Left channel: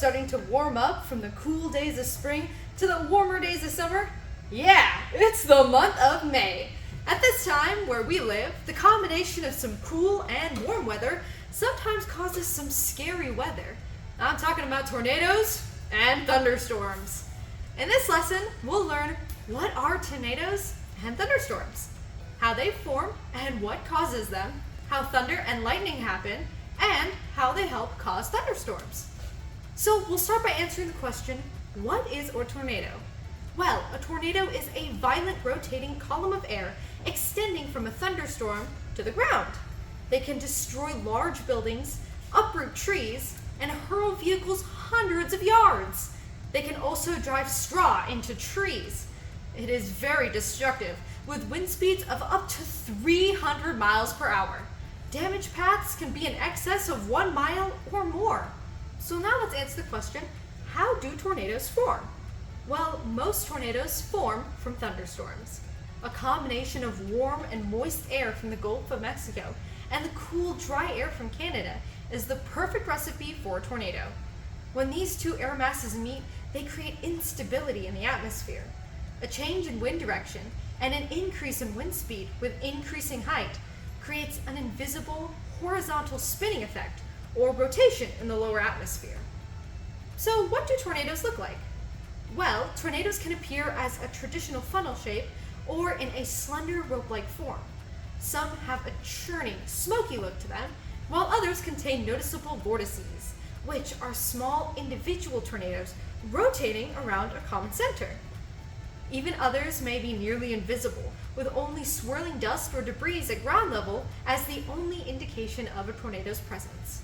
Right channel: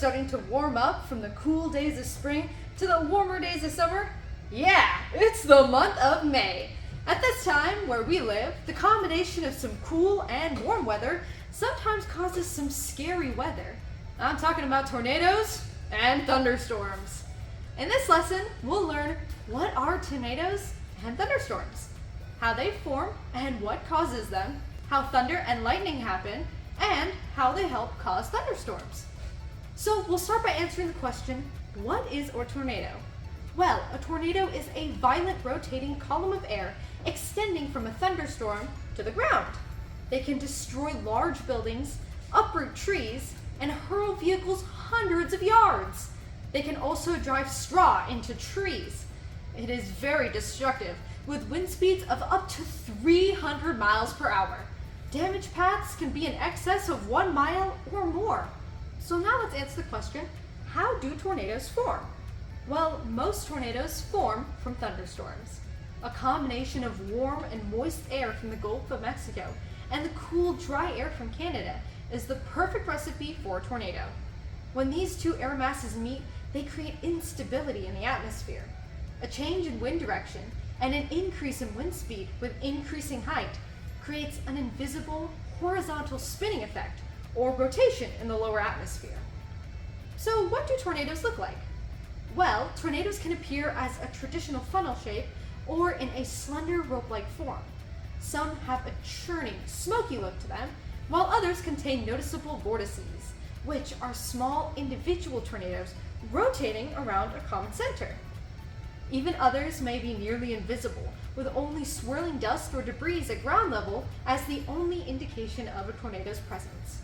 starting to warm up from the cool days of spring to the warmer days of summer? Yeah, it's the month of May. At this time, where we live, the combination of some cool and warm weather sometimes causes some scary weather. I'm talking about tornadoes and thunderstorms. In this lesson, we'll learn what are tornadoes and thunderstorms, how they form and what causes them, how thunder and lightning happen, and how they help cause thunderstorms. So we'll start by answering the question, what is a tornado? Well, a tornado is a violent rotating column of air extending from a thunderstorm to the ground. They can destroy large buildings, uproot trees, and hurl vehicles hundreds of yards. They can also drive straw into trees. It is very destructive, with wind speeds of up to 300 miles per hour. Damage paths can be in excess of 1 mile or more. So now let's answer the question, how do tornadoes form? Well, most tornadoes form from thunderstorms. A combination of warm and moist air from the Gulf of Mexico and the cool, dry air from Canada is the perfect recipe for a tornado. When these two air masses meet, they create instability in the atmosphere. A change in wind direction and an increase in wind speed with increasing height creates an invisible horizontal spinning effect or rotation in the lower atmosphere. So what do tornadoes look like? Well, tornadoes can appear as a traditional funnel shape or in a slender rope-like form. Some have a churning, smoky look to them, while others contain noticeable vortices, which are small individual tornadoes rotating around a common center. Even others may be nearly invisible, with only swirling dust or debris at ground level as the only indication of a tornado's presence.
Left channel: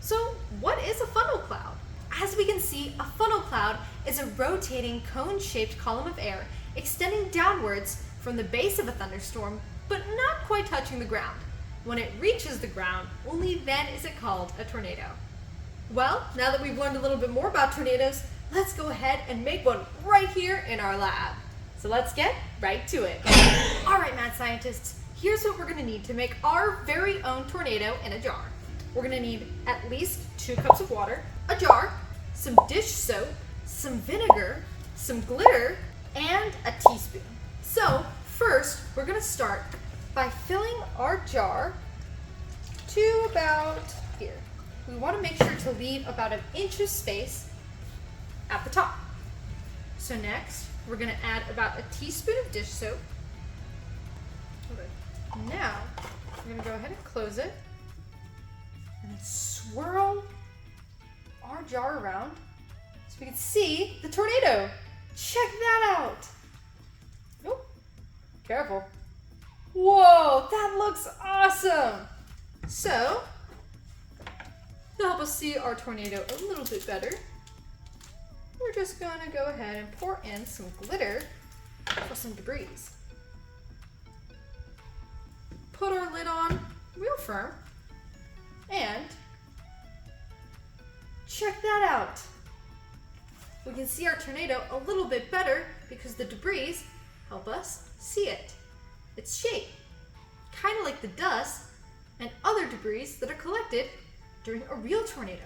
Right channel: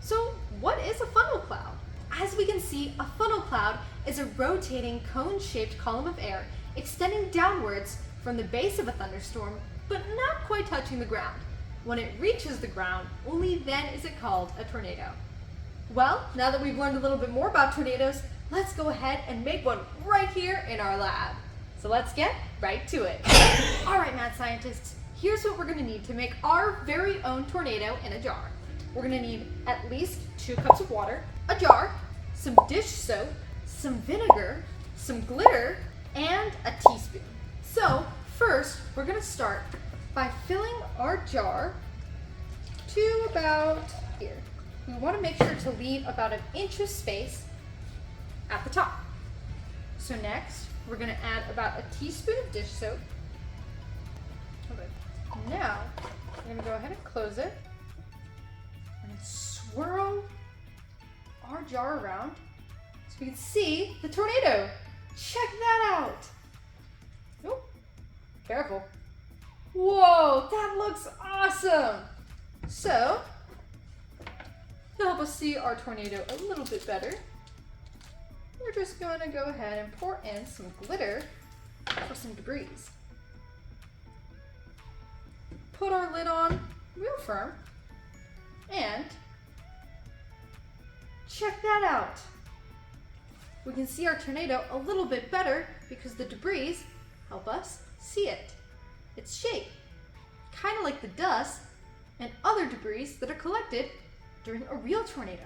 So, what is a funnel cloud? As we can see, a funnel cloud is a rotating cone-shaped column of air extending downwards from the base of a thunderstorm, but not quite touching the ground. When it reaches the ground, only then is it called a tornado. Well, now that we've learned a little bit more about tornadoes, let's go ahead and make one right here in our lab. So let's get right to it. All right, mad scientists, here's what we're gonna need to make our very own tornado in a jar. We're gonna need at least 2 cups of water, a jar, some dish soap, some vinegar, some glitter, and a teaspoon. So first, we're gonna start by filling our jar to about here. We wanna make sure to leave about 1 inch of space at the top. So next, we're gonna add about 1 teaspoon of dish soap. Okay. Now, we're gonna go ahead and close it and swirl our jar around so we can see the tornado. Check that out. Oh, careful. Whoa, that looks awesome. So, to help us see our tornado a little bit better, we're just going to go ahead and pour in some glitter for some debris. Put our lid on real firm and check that out. We can see our tornado a little bit better because the debris help us see it. Its shape, kind of like the dust and other debris that are collected during a real tornado.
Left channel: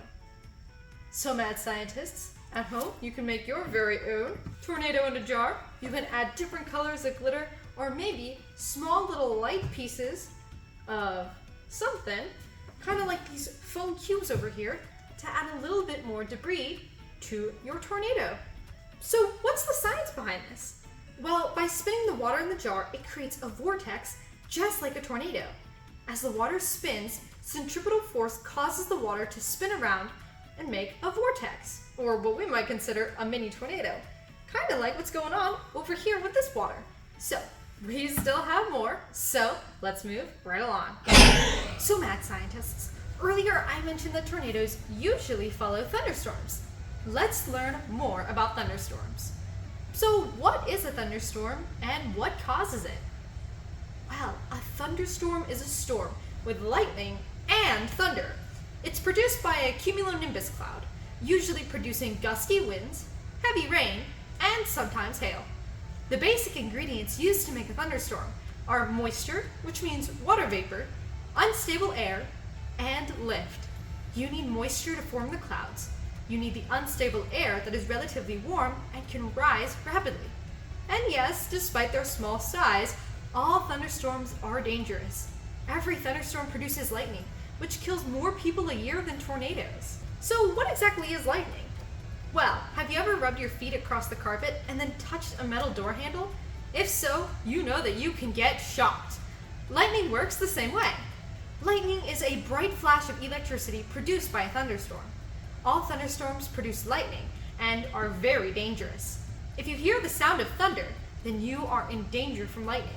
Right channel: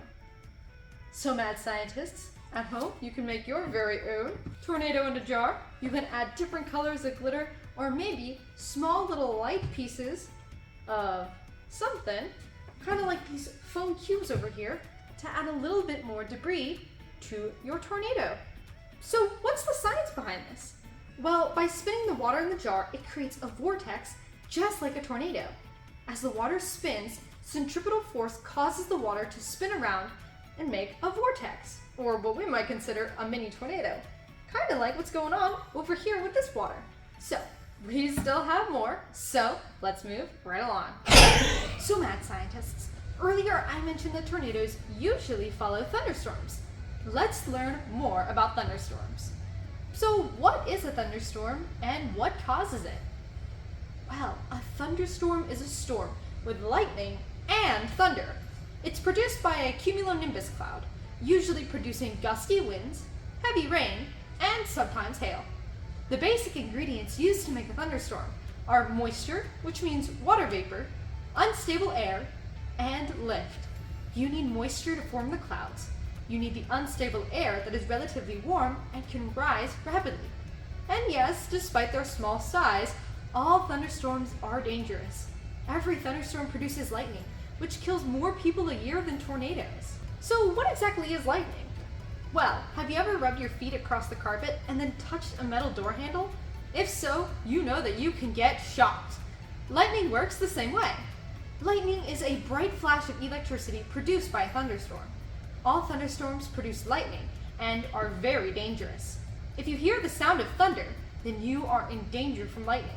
So mad scientists, at home, you can make your very own tornado in a jar. You can add different colors of glitter or maybe small little light pieces of something, kind of like these foam cubes over here, to add a little bit more debris to your tornado. So what's the science behind this? Well, by spinning the water in the jar, it creates a vortex just like a tornado. As the water spins, centripetal force causes the water to spin around and make a vortex, or what we might consider a mini tornado. Kind of like what's going on over here with this water. So, we still have more, so let's move right along. So mad scientists, earlier I mentioned that tornadoes usually follow thunderstorms. Let's learn more about thunderstorms. So what is a thunderstorm and what causes it? Well, a thunderstorm is a storm with lightning and thunder. It's produced by a cumulonimbus cloud, usually producing gusty winds, heavy rain, and sometimes hail. The basic ingredients used to make a thunderstorm are moisture, which means water vapor, unstable air, and lift. You need moisture to form the clouds. You need the unstable air that is relatively warm and can rise rapidly. And yes, despite their small size, all thunderstorms are dangerous. Every thunderstorm produces lightning, which kills more people a year than tornadoes. So what exactly is lightning? Well, have you ever rubbed your feet across the carpet and then touched a metal door handle? If so, you know that you can get shocked. Lightning works the same way. Lightning is a bright flash of electricity produced by a thunderstorm. All thunderstorms produce lightning and are very dangerous. If you hear the sound of thunder, then you are in danger from lightning.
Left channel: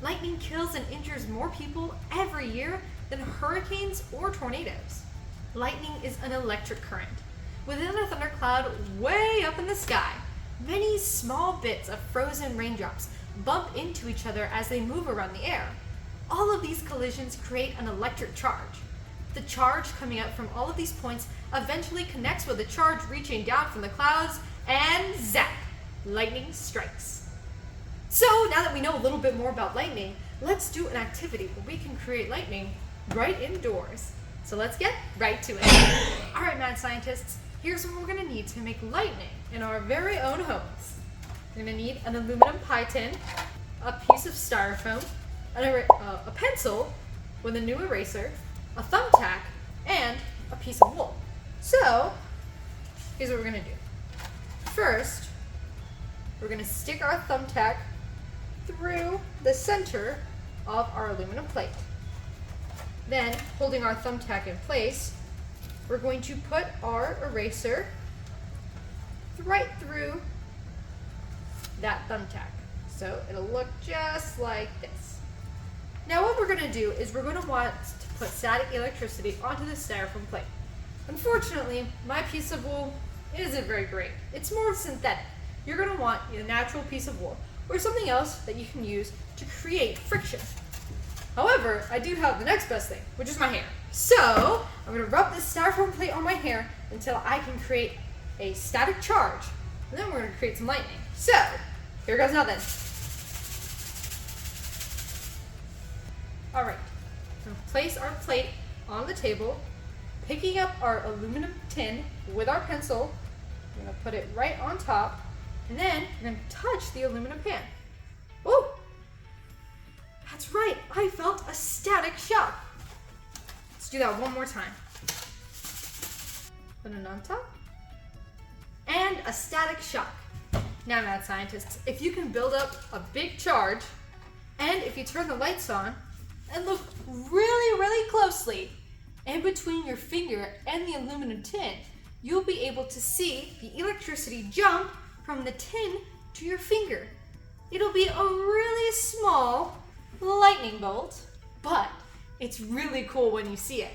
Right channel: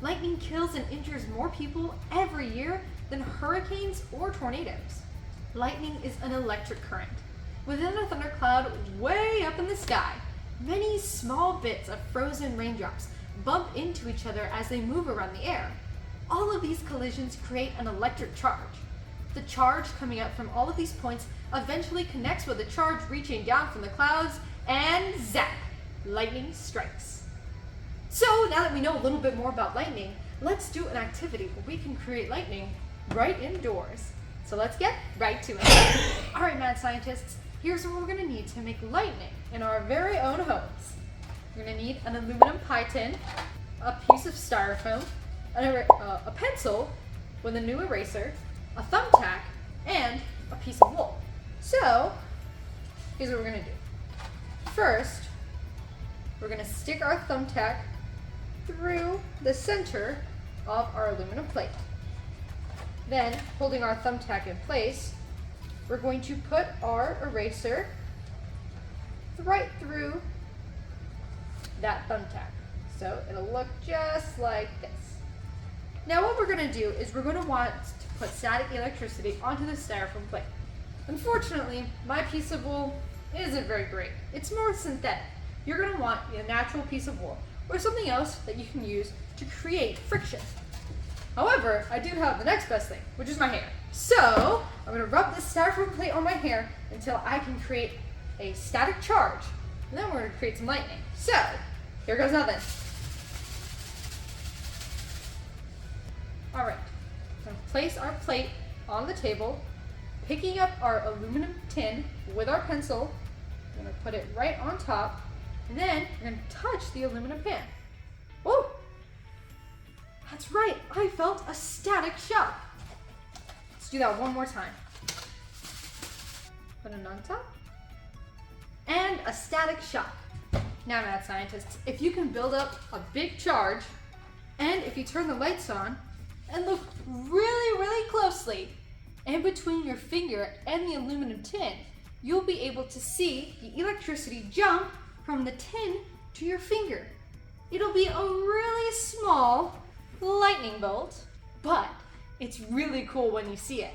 Lightning kills and injures more people every year than hurricanes or tornadoes. Lightning is an electric current. Within a thundercloud way up in the sky, many small bits of frozen raindrops bump into each other as they move around the air. All of these collisions create an electric charge. The charge coming up from all of these points eventually connects with a charge reaching down from the clouds, and zap! Lightning strikes. So now that we know a little bit more about lightning, let's do an activity where we can create lightning right indoors. So let's get right to it. Alright, mad scientists, here's what we're going to need to make lightning in our very own homes. We're going to need an aluminum pie tin, a piece of styrofoam, a pencil with a new eraser, a thumbtack, and a piece of wool. So, here's what we're going to do. First, we're going to stick our thumbtack through the center of our aluminum plate. Then, holding our thumbtack in place, we're going to put our eraser right through that thumbtack. So it'll look just like this. Now what we're going to do is we're going to want to put static electricity onto the styrofoam plate. Unfortunately, my piece of wool isn't very great. It's more synthetic. You're going to want a natural piece of wool or something else that you can use to create friction. However, I do have the next best thing, which is my hair. So I'm going to rub this styrofoam plate on my hair until I can create a static charge. And then we're going to create some lightning. So here goes nothing. All right, I'm going to place our plate on the table, picking up our aluminum tin with our pencil. I'm going to put it right on top, and then I'm going to touch the aluminum pan. Oh, that's right, I felt a static shock. Let's do that one more time. Put it on top, and a static shock. Now, mad scientists, if you can build up a big charge, and if you turn the lights on, and look really, really closely in between your finger and the aluminum tin, you'll be able to see the electricity jump from the tin to your finger. It'll be a really small lightning bolt, but it's really cool when you see it.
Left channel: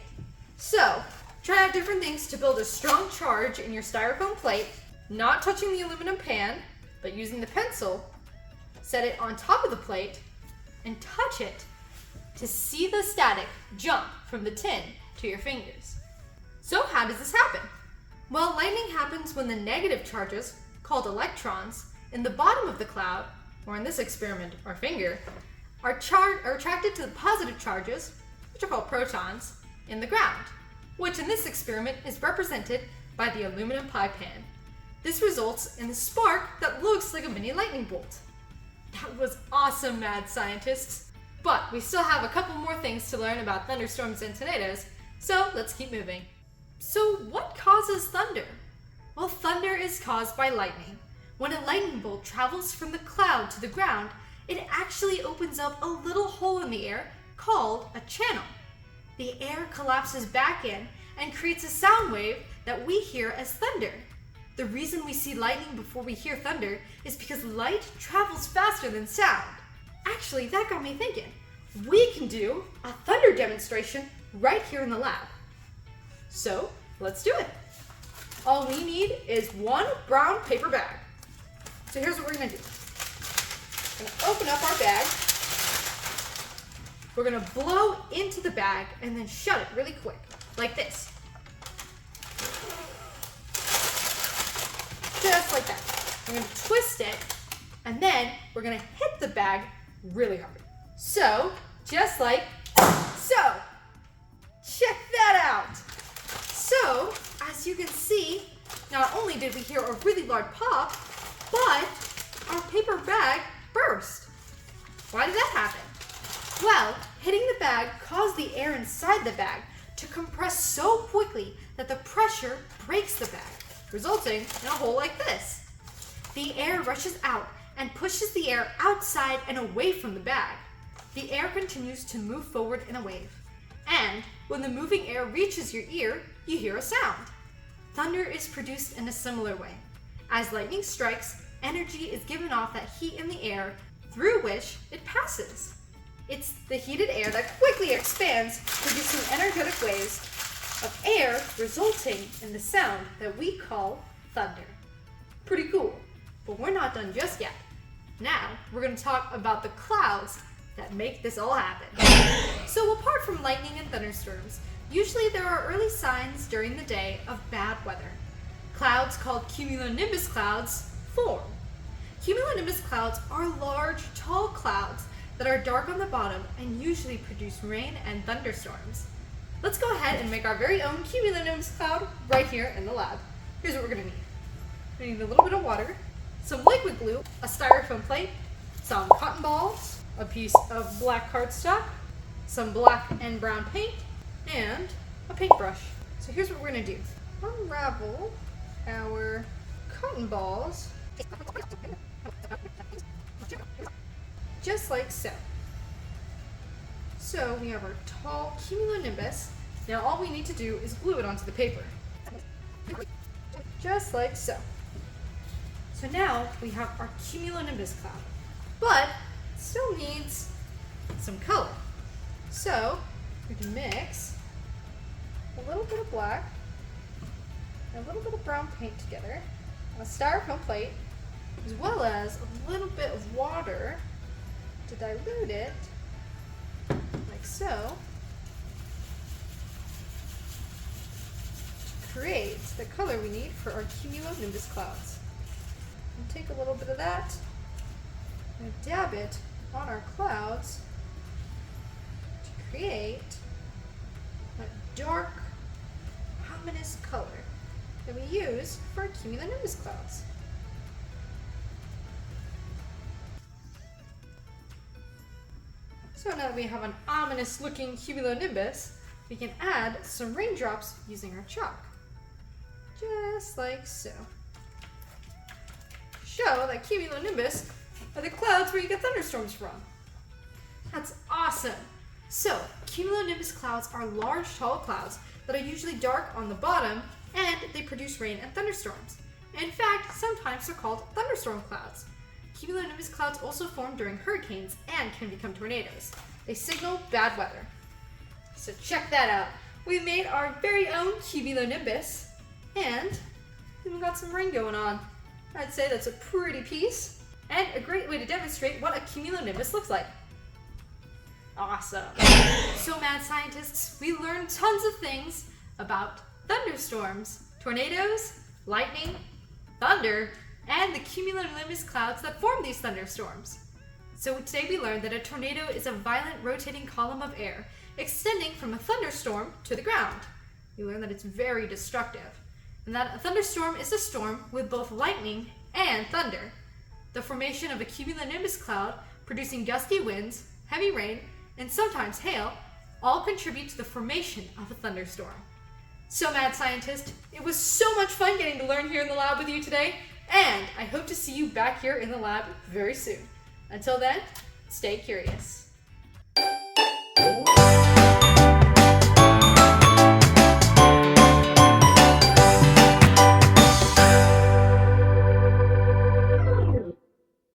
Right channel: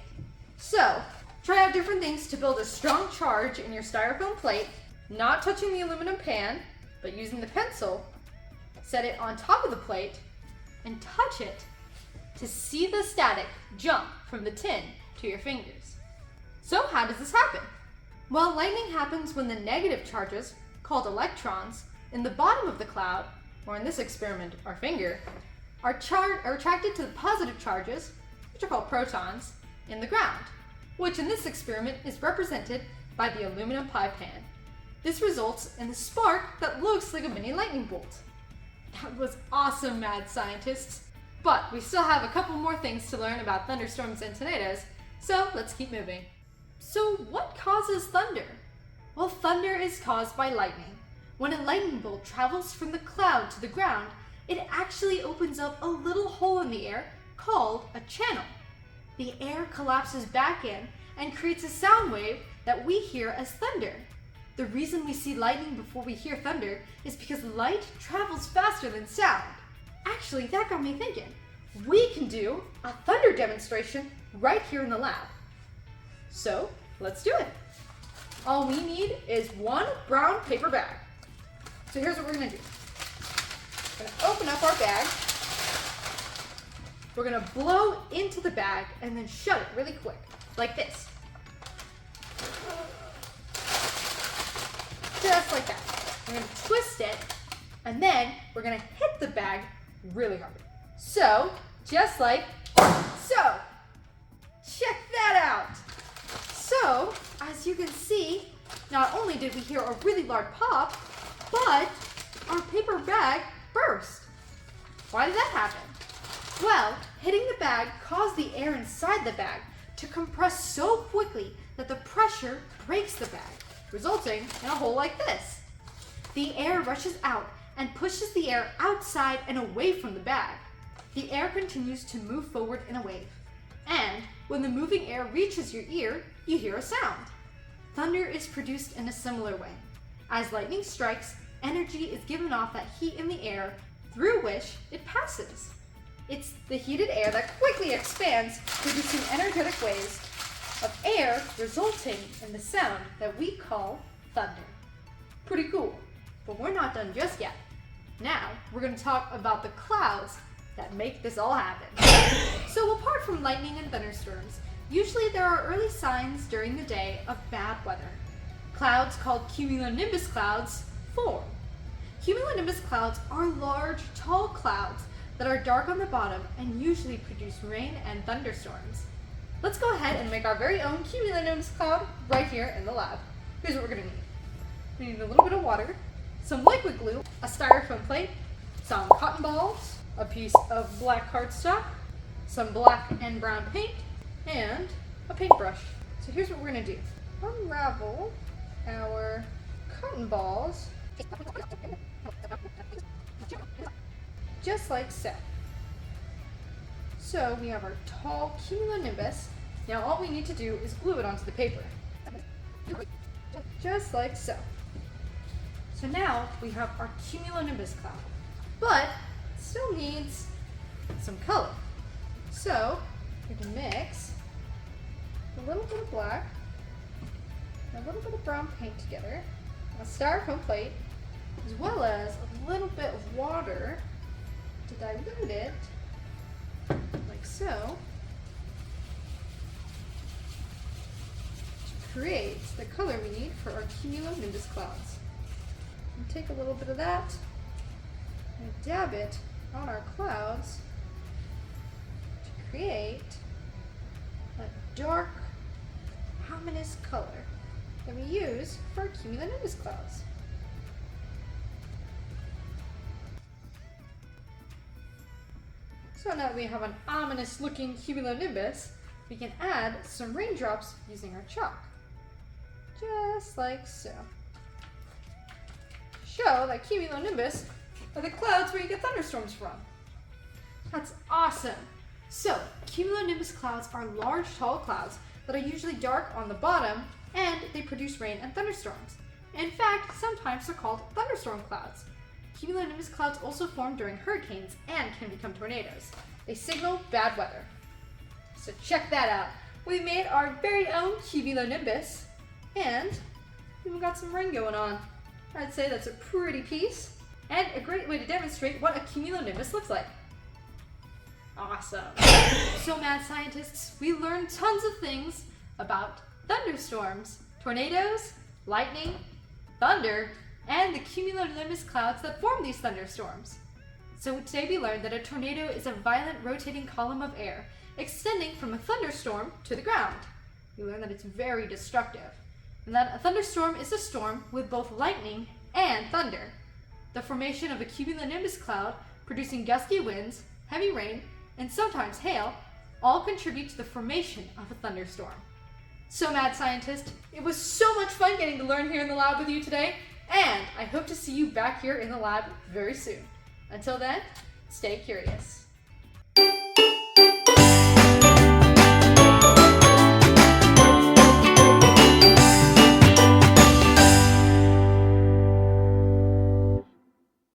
So, try out different things to build a strong charge in your styrofoam plate, not touching the aluminum pan, but using the pencil. Set it on top of the plate and touch it to see the static jump from the tin to your fingers. So how does this happen? Well, lightning happens when the negative charges, called electrons, in the bottom of the cloud, or in this experiment, our finger, are attracted to the positive charges, which are called protons, in the ground, which in this experiment is represented by the aluminum pie pan. This results in a spark that looks like a mini lightning bolt. That was awesome, mad scientists. But we still have a couple more things to learn about thunderstorms and tornadoes, so let's keep moving. So what causes thunder? Well, thunder is caused by lightning. When a lightning bolt travels from the cloud to the ground, it actually opens up a little hole in the air called a channel. The air collapses back in and creates a sound wave that we hear as thunder. The reason we see lightning before we hear thunder is because light travels faster than sound. Actually, that got me thinking. We can do a thunder demonstration right here in the lab. So, let's do it. All we need is one brown paper bag. So here's what we're gonna do. We're gonna open up our bag. We're gonna blow into the bag and then shut it really quick, like this. Just like that. We're gonna twist it, and then we're gonna hit the bag really hard. So, just like so. Check that out. So, as you can see, Not only did we hear a really loud pop, but our paper bag burst. Why did that happen? Well, hitting the bag caused the air inside the bag to compress so quickly that the pressure breaks the bag, resulting in a hole like this. The air rushes out and pushes the air outside and away from the bag. The air continues to move forward in a wave. And when the moving air reaches your ear, you hear a sound. Thunder is produced in a similar way. As lightning strikes, energy is given off that heat in the air through which it passes. It's the heated air that quickly expands, producing energetic waves of air, resulting in the sound that we call thunder. Pretty cool, but we're not done just yet. Now, we're going to talk about the clouds that make this all happen. So apart from lightning and thunderstorms, usually there are early signs during the day of bad weather. Clouds called cumulonimbus clouds form. Cumulonimbus clouds are large, tall clouds that are dark on the bottom and usually produce rain and thunderstorms. Let's go ahead and make our very own cumulonimbus cloud right here in the lab. Here's what we're going to need. We need a little bit of water, some liquid glue, a styrofoam plate, some cotton balls, a piece of black cardstock, some black and brown paint, and a paintbrush. So here's what we're going to do. Unravel our cotton balls just like so. So we have our tall cumulonimbus. Now all we need to do is glue it onto the paper. Just like so. So now we have our cumulonimbus cloud, but it still needs some color. So we're going to mix a little bit of black and a little bit of brown paint together on a styrofoam plate, as well as a little bit of water to dilute it, like so, to create the color we need for our cumulonimbus clouds. And take a little bit of that and dab it on our clouds to create a dark, ominous color that we use for our cumulonimbus clouds. So now that we have an ominous looking cumulonimbus, we can add some raindrops using our chalk. Just like so. Show that cumulonimbus are the clouds where you get thunderstorms from. That's awesome. So, cumulonimbus clouds are large, tall clouds that are usually dark on the bottom, and they produce rain and thunderstorms. In fact, sometimes they're called thunderstorm clouds. Cumulonimbus clouds also form during hurricanes and can become tornadoes. They signal bad weather. So check that out. We made our very own cumulonimbus, and we've got some rain going on. I'd say that's a pretty piece, and a great way to demonstrate what a cumulonimbus looks like. Awesome. So mad scientists, we learned tons of things about thunderstorms, tornadoes, lightning, thunder, and the cumulonimbus clouds that form these thunderstorms. So today we learned that a tornado is a violent rotating column of air extending from a thunderstorm to the ground. We learned that it's very destructive, and that a thunderstorm is a storm with both lightning and thunder. The formation of a cumulonimbus cloud producing gusty winds, heavy rain, and sometimes hail all contribute to the formation of a thunderstorm. So mad scientist, it was so much fun getting to learn here in the lab with you today, and I hope to see you back here in the lab very soon. Until then, stay curious.